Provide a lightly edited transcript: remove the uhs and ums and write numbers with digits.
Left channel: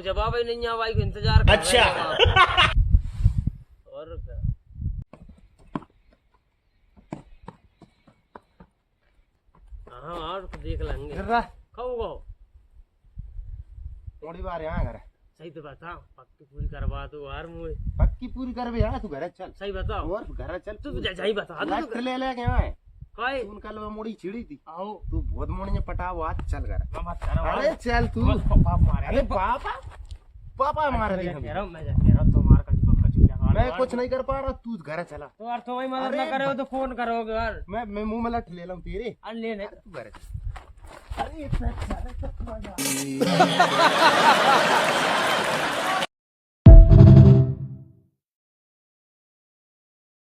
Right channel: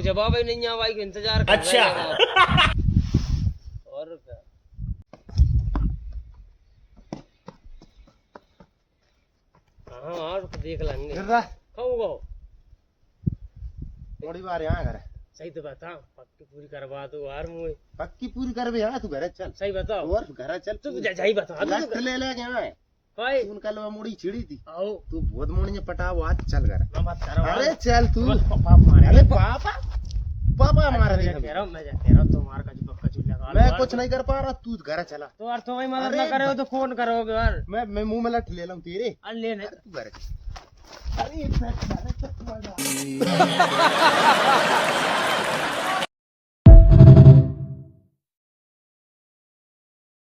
अब जवाब ही नहीं आवा का इंतजार कर अच्छा। और क्या हाँ और देख लेंगे खाऊंगा थोड़ी बार यहाँ घर सही तो बताओ पक्की पूरी करवा दो यार मुझे पक्की पूरी कर भी तू घर चल सही बताओ और घर चल तू सही बता दो लट ले ले यहाँ है काय तू कल मुड़ी छिड़ी थी आओ तू बहुत मुड़ी में पटाओ आज चल घर मैं मत करो अरे चल तू पापा मारे अरे पापा पापा मार मैं कह रहा हूँ तो मार का जो पक्का चूल्हा लगा मैं कुछ नहीं कर पा रहा तू घर चला तो यार तो भाई मदद ना करे तो फोन करोगे यार मैं मुंह में लट ले लूं तेरे ले नहीं तू घर अरे